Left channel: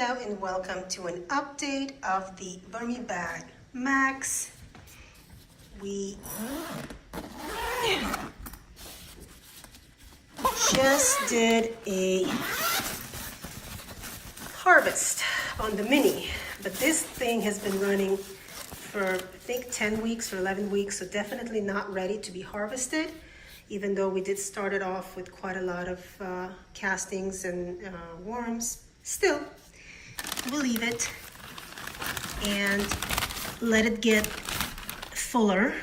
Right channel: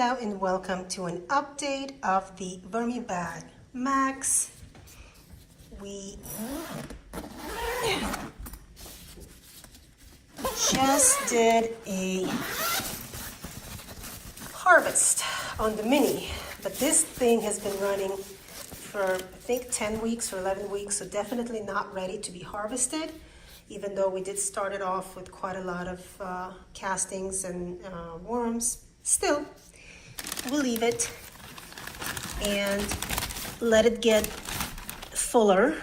Hello and welcome to an update of the VermiBag Max. We just did a harvest on the mini, but this thing has been running for I think 10 weeks or 11 weeks, so definitely not ready to be harvested, even though we did start it off with quite a lot of castings and worms. Still, we'll leave it and let it get fuller.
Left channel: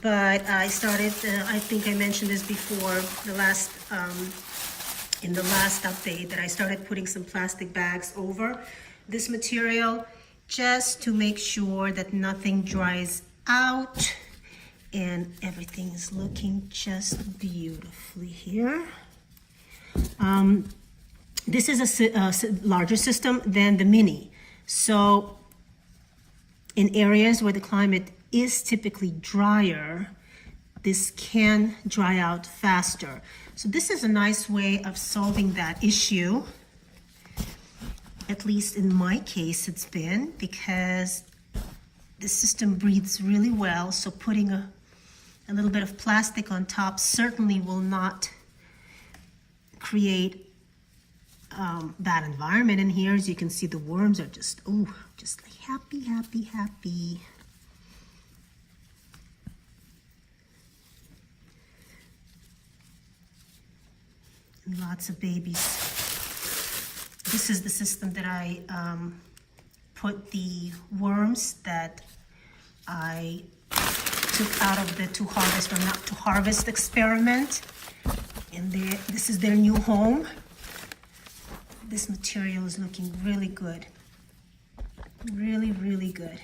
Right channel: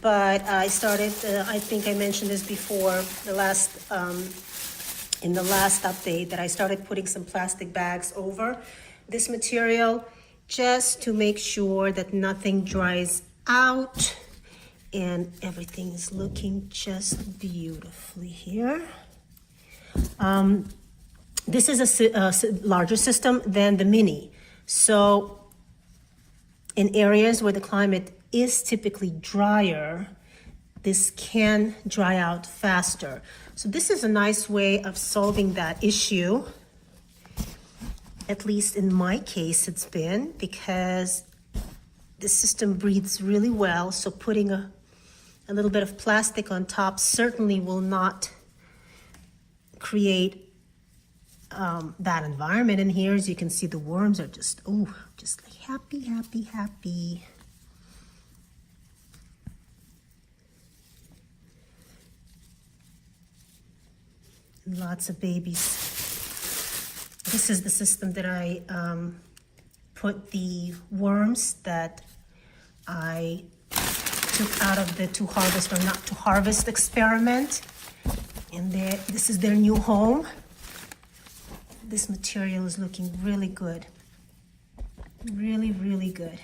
But I started, I think I mentioned this before, in the last update, that I started putting some plastic bags over this material just to make sure that nothing dries out and everything is looking just beautifully here. This is a larger system than the mini. So in areas where the climate is typically drier, this can dry out faster. So this is a nice way of solving that issue. At least in my case it's been, because the system breathes really well. So putting a little bit of plastic on top certainly will not create that environment in here. As you can see, the worms are just like happy, happy, happy. And lots of babies. This is the system that I put the worms that I took out of the to harvest or not to harvest experiment. And this is their new home. This material is looking really good. Really, really good.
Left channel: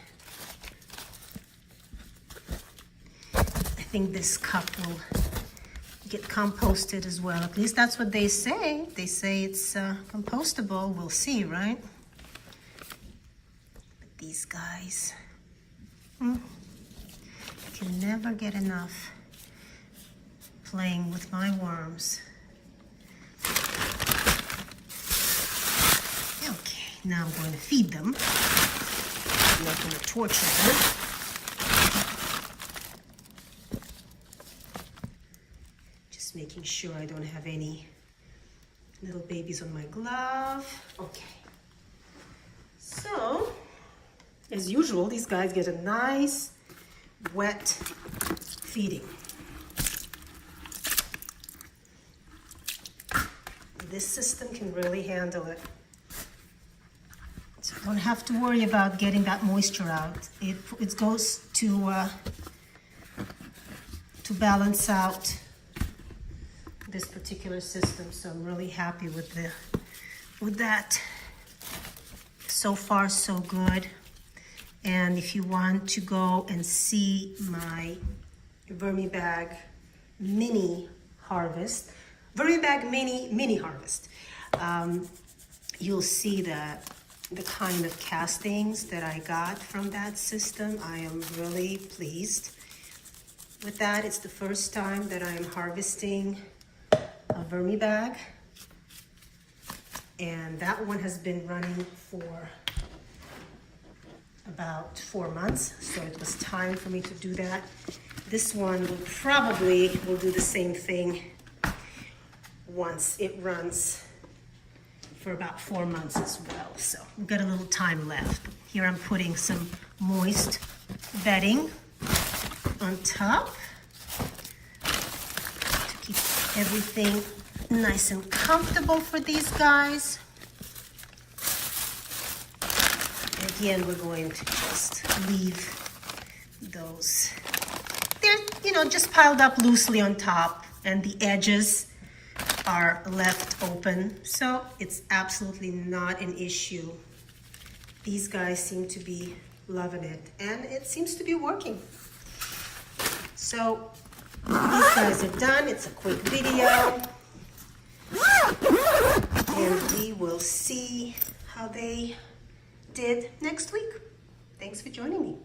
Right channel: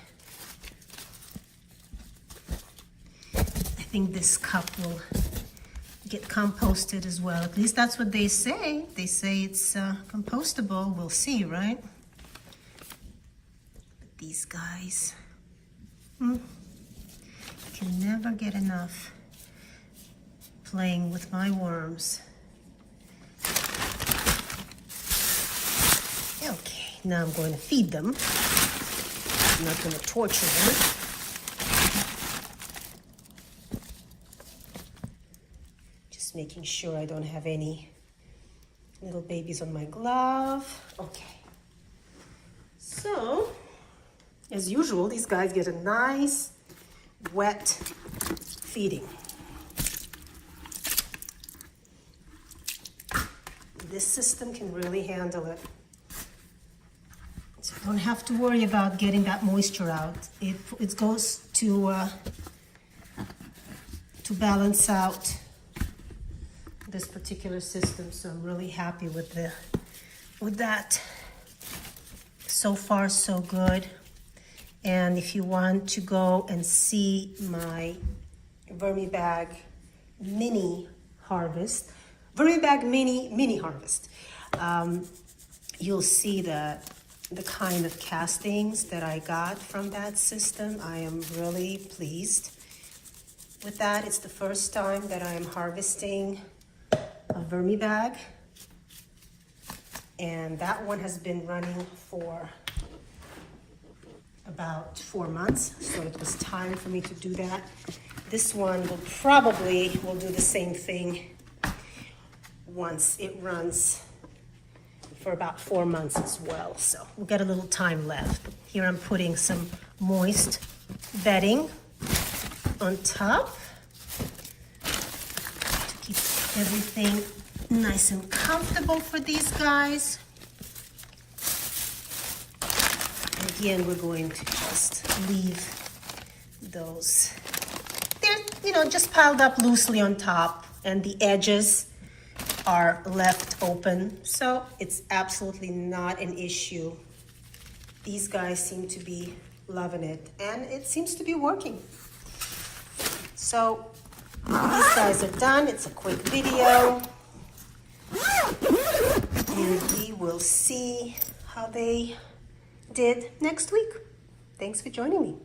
I think this cup will get composted as well. At least that's what they say. They say it's compostable. We'll see, right? But these guys, I can never get enough playing with my worms. Okay, now I'm going to feed them. I'm not going to torture them. Just making sure I don't have any little babies on my glove. Okay. So, as usual, these guys get a nice wet feeding. This system can really handle it. So I don't have to worry about getting that moisture out. It goes to balance out this particular system. So I'm really happy with that. So far, so good. And if you want to go and see my VermiBag mini harvest, VermiBag mini harvest, you'll see the kind of castings that I got from that system. I am really pleased with that. It's the first time that I am harvesting a VermiBag, and that one has been running for about 4 months, so it was time for me to do that. This one will do the same thing once it runs for about 4 months as well. So we've got a little time left. Here I'm putting some moist bedding on top to keep everything nice and comfortable for these guys. And again, we're going to just leave those, they're, just piled up loosely on top, and the edges are left open, so it's absolutely not an issue. These guys seem to be loving it, and it seems to be working. So these guys are done. It's a quick video, and we will see how they did next week. Thanks for joining me.